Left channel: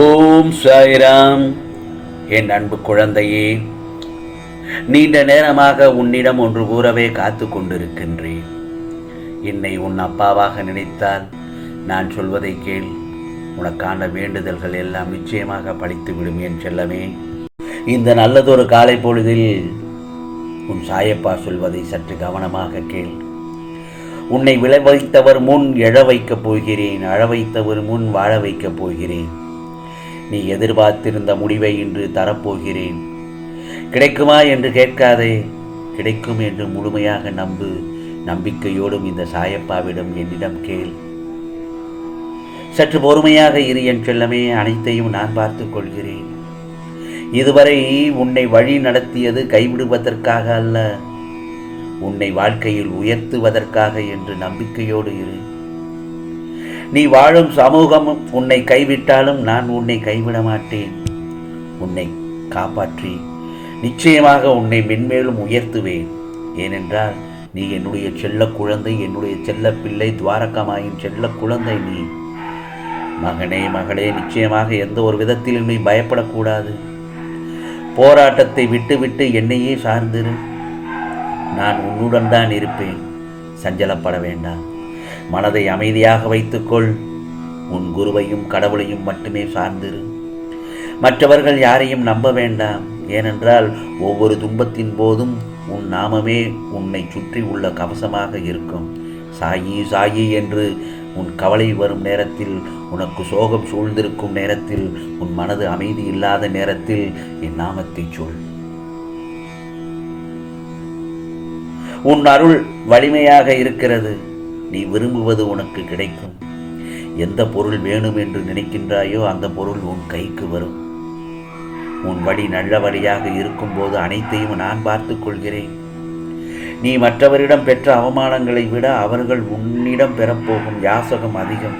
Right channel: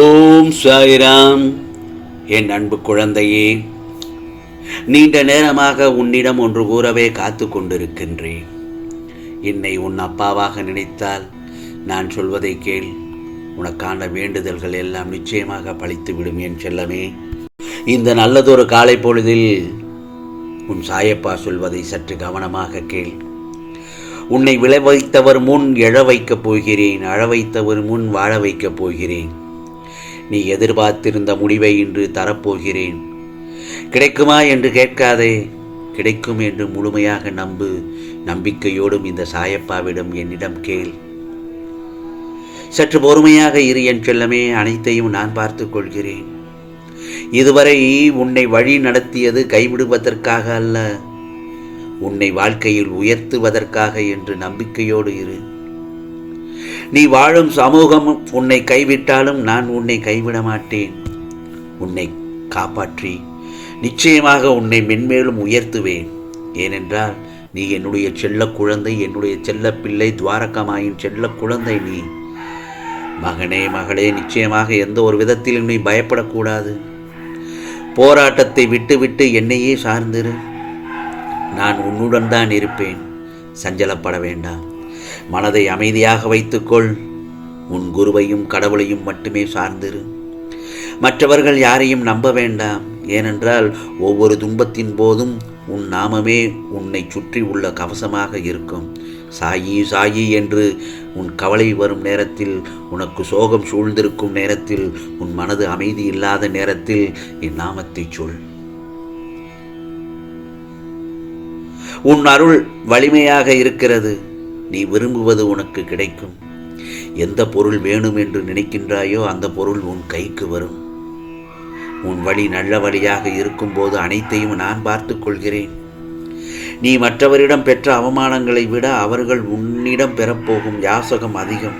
ஓம் சாய்ராம். என் அன்பு குழந்தையே, நீண்ட நேரமாக உன்னிடம் ஒன்று கூறவே காத்து கொண்டிருக்கின்றேன். என்னை உன் அப்பாவாக நினைத்தால் நான் சொல்வதை கேள். உனக்கான வேண்டுதல்கள் எல்லாம் நிச்சயமாக பலித்துவிடும் என் செல்லமே. இந்த நல்லதொரு காலை பொழுதில் உன் சாயப்பா சொல்வதை சற்று கவனமாக கேள். உன்னை விளை வைத்தவர் முன் எழ வைக்கப் போகிறேன், அழ வைத்தவர் முன் வாழ வைக்கப் போகிறேன். நீ எதிர்பார்த்திருந்த முடிவை இன்று தரப்போகிறேன். கிடைக்குமா என்று கேட்காதே, கிடைக்கும் என்று முழுமையாக நம்பு. நம்பிக்கையோடும் இந்த சாயப்பாவிடம் என்னிடம் கேள். சற்று பொறுமையாக இரு என் செல்லமே. அனைத்தையும் நான் பார்த்துக் கொள்கிறேன். இதுவரை உன்னை வழி நடத்தியது கைவிடுவதற்காக அல்ல, உன்னை வாழ்க்கையில் உயர்த்துவதற்காக என்று நம்பிக்கையோடு இரு. நீ வாழும் சமூகம் உன்னை கைவிட்டாலும் நான் உன்னை கைவிட மாட்டேன். உன்னை காப்பாற்றி நிச்சயமாக உன்னை மென்மேலும் உயர்த்துவேன். ஏனென்றால் நீ என்னுடைய செல்ல குழந்தை, என்னுடைய செல்ல பிள்ளை, துவாரகமாயின் செல்ல குழந்தை. நீ மகனே, மகளே, நிச்சயமாக எந்த ஒரு விதத்திலும் நீ பயப்படக்கூடாது. போராட்டத்தை விட்டு என்னையே சார்ந்திரு. நான் உன்னுடன் தான் இருப்பேன். சஞ்சலப்பட வேண்டாம். மனதை அமைதியாக வைத்துக்கொள். உன் குருவையும் கடவுளையும் மட்டுமே சார்ந்திரு. மற்றவர்கள் யாரையும் நம்ப வேண்டாம். ஏனென்றால் ஒவ்வொரு துன்பத்தின் போதும் உன் நாமமே உன்னை சுற்றி உள்ள கவசமாக இருக்கும். சாயி சாயி என்று உன் கவலை வரும் நேரத்தில், உனக்கு சோகம் சூழ்ந்திருக்கும் நேரத்தில், உன் மனது அமைதி இல்லாத நேரத்தில் என் நாமத்தை சொல். உன் அருள் வலிமையாக இருக்கிறது. நீ விரும்புவது உனக்கு கிடைக்கும். எந்த பொருள் வேணும் என்று நினைக்கின்றாயோ அந்த பொருள் உன் கைக்கு வரும். உன் வழி நல்ல வழியாக இருக்கும்போது அனைத்தையும் நான் பார்த்துக் கொள்கிறேன். நீ மற்றவரிடம் பெற்ற அவமானங்களை விட அவர்கள் உன்னிடம் பெறப்போகும் யாசகம் அதிகம்.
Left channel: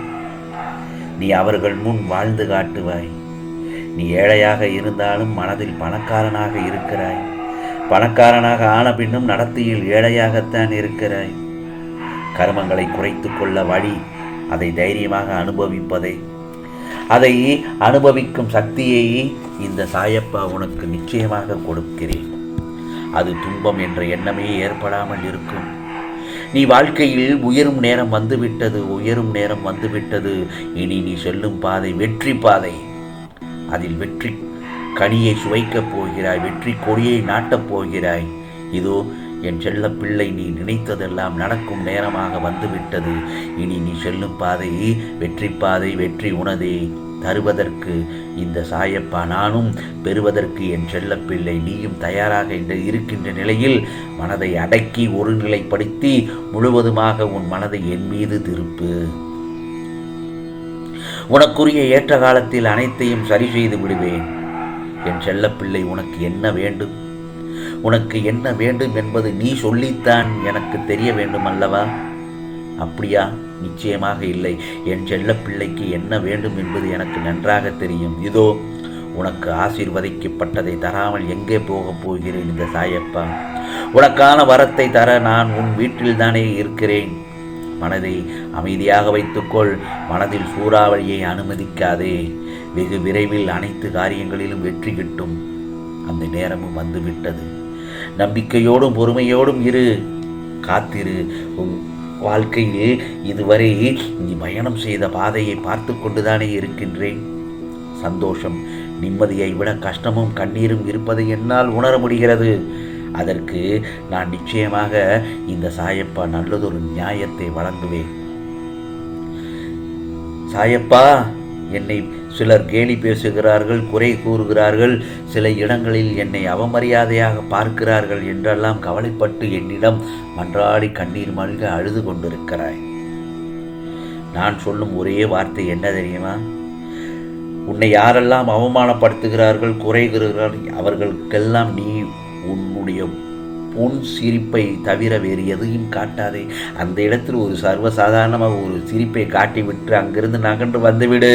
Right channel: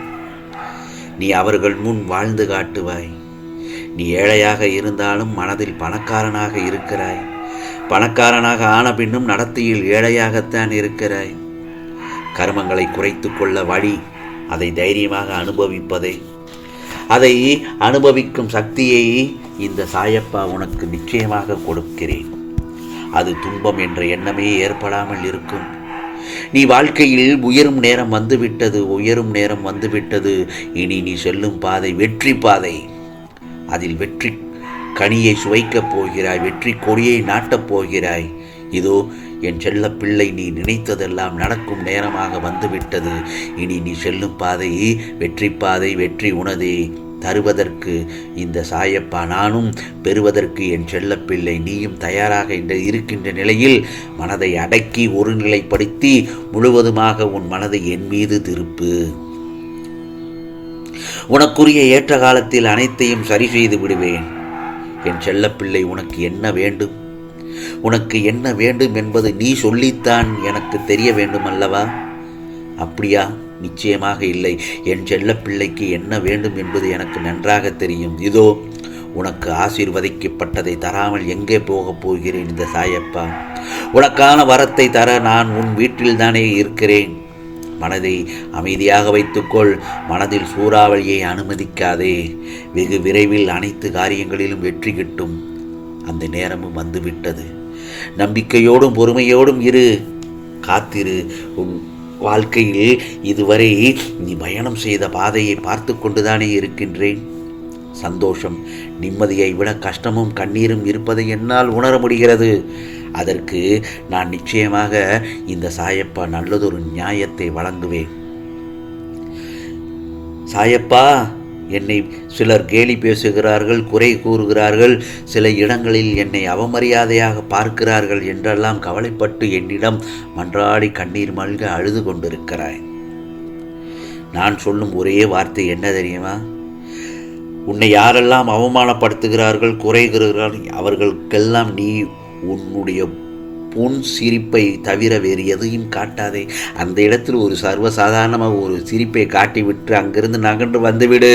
நீ அவர்கள் முன் வாழ்ந்து காட்டுவாய். நீ ஏழையாக இருந்தாலும் மனதில் பணக்காரனாக இருக்கிறாய். பணக்காரனாக ஆன பின்னும் நடத்தையில் ஏழையாகத்தான் இருக்கிறாய். கர்மங்களை குறைத்து கொள்ள வழி அதை தைரியமாக அனுபவிப்பதே. அதை அனுபவிக்கும் சக்தியை இந்த சாயப்பா உனக்கு நிச்சயமாக கொடுக்கிறேன். அது துன்பம் என்ற எண்ணமே ஏற்படாமல் இருக்கும். நீ வாழ்க்கையில் உயரும் நேரம் வந்துவிட்டது. இனி நீ செல்லும் பாதை வெற்றி பாதை. அதில் வெற்றி கனியை சுவைக்கப் போகிறாய். வெற்றி கொடியை நாட்டப் போகிறாய். இதோ என் செல்ல பிள்ளை, நீ நினைத்ததெல்லாம் நடக்கும் நேரமாக வந்துவிட்டது. இனி நீ செல்லும் பாதை வெற்றி பாதை. வெற்றி உனதே. தருவதற்கு இந்த சாயப்பா நானும், பெறுவதற்கு என் செல்ல பிள்ளை நீயும் தயாராக இருக்கின்ற நிலையில் மனதை அடக்கி ஒருநிலைப்படுத்தி முழுவதுமாக உன் மனதை என் மீது திருப்பு. உனக்குரிய ஏற்ற காலத்தில் அனைத்தையும் சரி செய்து விடுவேன். என் செல்லப்பிள்ளை, உனக்கு என்ன வேண்டும்? உனக்கு என்ன வேண்டும் என்பது நீ சொல்லித்தான் எனக்கு தெரிய வேண்டும் அல்லவா? அப்படியா? நிச்சயமாக இல்லை. என் செல்ல பிள்ளைக்கு என்ன வேண்டும் என்பது எனக்கு நன்றாக தெரியும். இதோ உனக்கு ஆசீர்வதிக்கப்பட்டதை தராமல் எங்கே போகப் போகிறேன் இந்த சாயப்பா? உனக்கான வரத்தை தர நான் உன் வீட்டில் தானே இருக்கிறேன். மனதை அமைதியாக வைத்துக்கொள். மனதில் சூறாவளியை அனுமதிக்காதே. வெகு விரைவில் அனைத்து காரியங்களிலும் வெற்றி கிட்டும். அந்த நேரமும் வந்துவிட்டது. நம்பிக்கையோடும் பொறுமையோடும் இரு. காத்திரு. உன் வாழ்க்கையில் இதுவரை நீ பயணம் செய்த பாதையை பார்த்து கொண்டுதானே இருக்கின்றேன். சந்தோஷம், நிம்மதியை விட கஷ்டமும் கண்ணீரும் இருப்பதை என்னால் உணர முடிகிறது. அதற்கு நான் நிச்சயமாக இந்த சாயப்பா நல்லதொரு நியாயத்தை வழங்குவேன். சாயப்பா, என்னை சிலர் கேலி பேசுகிறார்கள், குறை கூறுகிறார்கள், சில இடங்களில் என்னை அவமரியாதையாக பார்க்கிறார்கள் என்றெல்லாம் கவலைப்பட்டு என்னிடம் மன்றாடி கண்ணீர் மல்க அழுது கொண்டிருக்கிறாய். நான் சொல்லும் ஒரே வார்த்தை என்ன தெரியுமா? உன்னை யாரெல்லாம் அவமானப்படுத்துகிறார்கள், குறைகிறார்கள், அவர்களுக்கெல்லாம் நீ உன்னுடைய பொன் சிரிப்பை தவிர வேறு எதையும் காட்டாதே. அந்த இடத்தில் ஒரு சர்வசாதாரணமாக ஒரு சிரிப்பை காட்டிவிட்டு அங்கிருந்து நகன்று வந்துவிடு.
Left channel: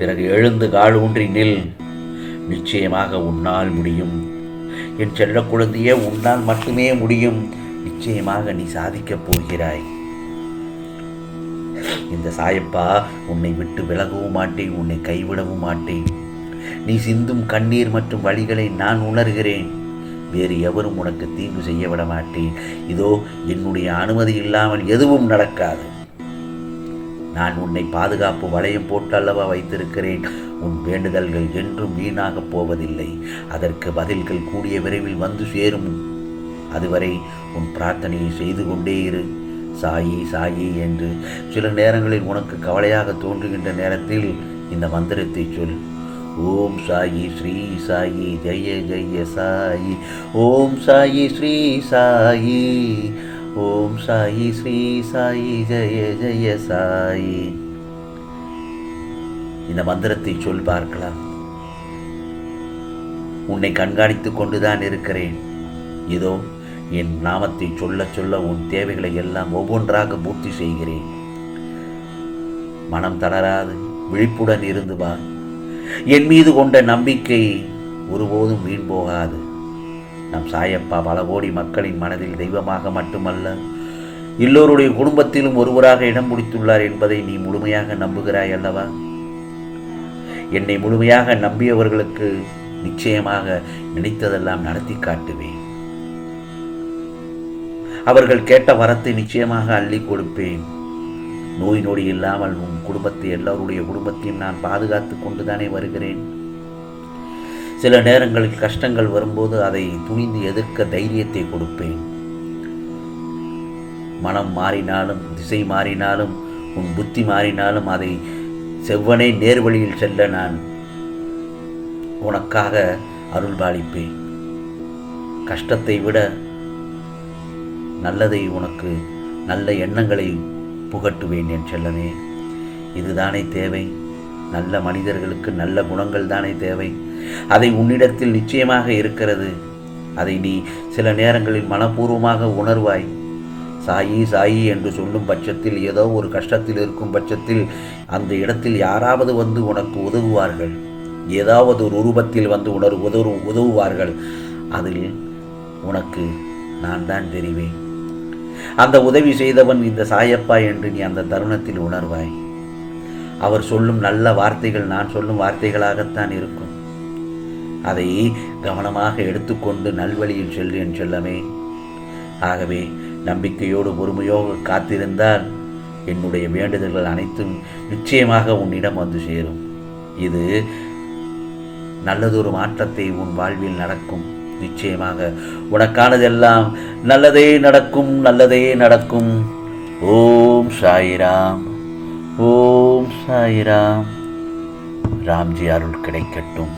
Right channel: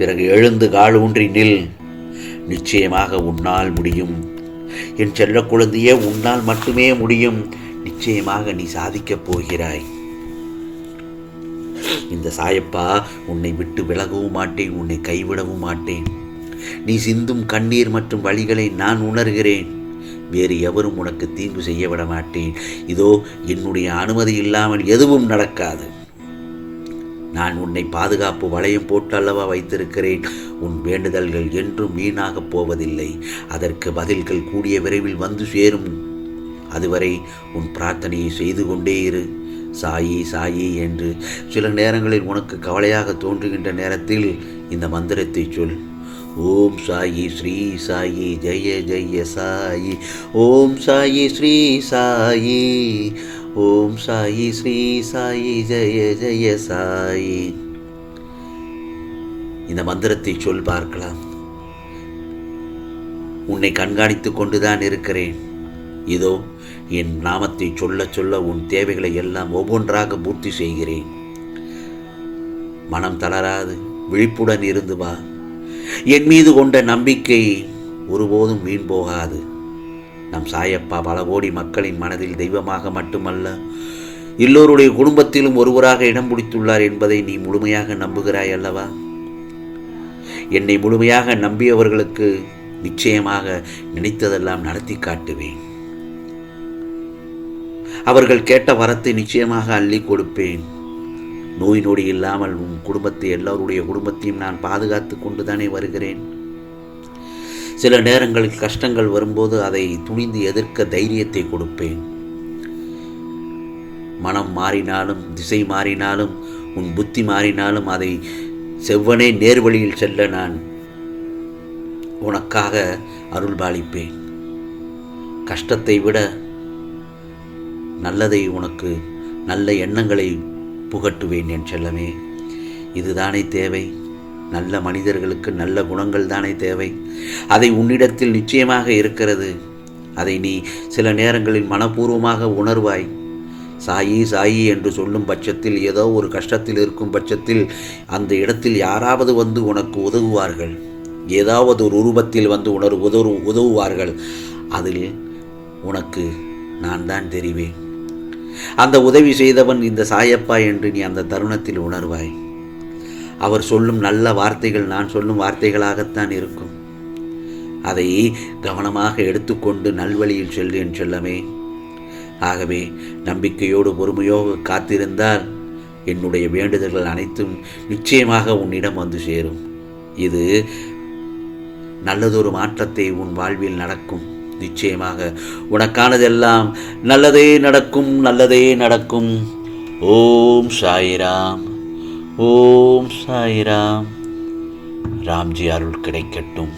பிறகு எழுந்து கால் ஊன்றி நில். நிச்சயமாக உன்னால் முடியும். என் செல்ல குழந்தையே, உன்னால் மட்டுமே முடியும். நிச்சயமாக நீ சாதிக்கப் போகிறாய். இந்த சாயப்பா உன்னை விட்டு விலகவும் மாட்டேன், உன்னை கைவிடவும் மாட்டேன். நீ சிந்தும் கண்ணீர் மற்றும் வழிகளை நான் உணர்கிறேன். வேறு எவரும் உனக்கு தீங்கு செய்ய விட மாட்டேன். இதோ என்னுடைய அனுமதி இல்லாமல் எதுவும் நடக்காது. நான் உன்னை பாதுகாப்பு வளையம் போட்டு அல்லவா வைத்திருக்கிறேன். உன் வேண்டுதல்கள் என்றும் வீணாகப் போவதில்லை. அதற்கு பதில்கள் கூடிய விரைவில் வந்து சேரும். அதுவரை உன் பிரார்த்தனையை செய்து கொண்டே இரு. சாயி சாயி என்று சில நேரங்களில் உனக்கு கவலையாக தோன்றுகின்ற நேரத்தில் இந்த மந்திரத்தை சொல். ஓம் சாயி ஸ்ரீ சாயி ஜெய ஜெய சாயி. ஓம் சாயி ஸ்ரீ சாயி. ஓம் சாயி ஸ்ரீ சாயி ஜெய ஜெய சாயி. இந்த மந்திரத்தை சொல் பார்க்கலாம். உன்னை கண்காணித்துக் கொண்டுதான் இருக்கிறேன். இதோ என் நாமத்தை சொல்ல சொல்ல உன் தேவைகளை எல்லாம் ஒவ்வொன்றாக பூர்த்தி செய்கிறேன். மனம் தளராது விழிப்புடன் இருந்து வா. என் மீது கொண்ட நம்பிக்கை ஒருபோதும் வீண் போகாது. நம் சாயப்பா பல கோடி மக்களின் மனதில் தெய்வமாக மட்டுமல்ல, எல்லோருடைய குடும்பத்திலும் ஒருவராக இடம் பிடித்துள்ளார் என்பதை நீ முழுமையாக நம்புகிறாய் அல்லவா? என்னை முழுமையாக நம்பியவர்களுக்கு நிச்சயமாக நினைத்ததெல்லாம் நடத்தி காட்டுவேன். அவர்கள் கேட்ட வரத்தை நிச்சயமாக அள்ளி கொடுப்பேன். நோய் நொடி இல்லாமல் உன் குடும்பத்தை, எல்லோருடைய குடும்பத்தையும் நான் பாதுகாத்து கொண்டுதானே வருகிறேன். சில நேரங்களில் கஷ்டங்கள் வரும்போது அதை துணிந்து எதிர்க்க தைரியத்தை கொடுப்பேன். மனம் மாறினாலும், திசை மாறினாலும், உன் புத்தி மாறினாலும் அதை செவ்வனே நேர்வழியில் செல்ல நான் உனக்காக அருள்பாலிப்பேன். கஷ்டத்தை விட நல்லதை, உனக்கு நல்ல எண்ணங்களை புகட்டுவேன் என் செல்லமே. இதுதானே தேவை. நல்ல மனிதர்களுக்கு நல்ல குணங்கள் தானே தேவை. அதை உன்னிடத்தில் நிச்சயமாக இருக்கிறது. அதை நீ சில நேரங்களில் மனப்பூர்வமாக உணர்வாய். சாயி சாயி என்று சொல்லும் பட்சத்தில், ஏதோ ஒரு கஷ்டத்தில் இருக்கும் பட்சத்தில் அந்த இடத்தில் யாராவது வந்து உனக்கு உதவுவார்கள். ஏதாவது ஒரு உருவத்தில் வந்து உதவுவார்கள். அதில் உனக்கு நான் தான் தெரிவேன். அந்த உதவி செய்தவன் இந்த சாயப்பா என்று நீ அந்த தருணத்தில் உணர்வாய். அவர் சொல்லும் நல்ல வார்த்தைகள் நான் சொல்லும் வார்த்தைகளாகத்தான் இருக்கும். அதை கவனமாக எடுத்துக்கொண்டு நல்வழியில் செல்லு என் செல்லமே. ஆகவே நம்பிக்கையோடு பொறுமையோடு காத்திருந்தால் என்னுடைய வேண்டுதல்கள் அனைத்தும் நிச்சயமாக உன்னிடம் வந்து சேரும். இது நல்லதொரு மாற்றத்தை உன் வாழ்வில் நடக்கும். நிச்சயமாக உனக்கானதெல்லாம் நல்லதே நடக்கும், நல்லதே நடக்கும். ஓம் சாய்ராம். ஓம் சாய்ராம். ராம்ஜி அருள் கிடைக்கட்டும்.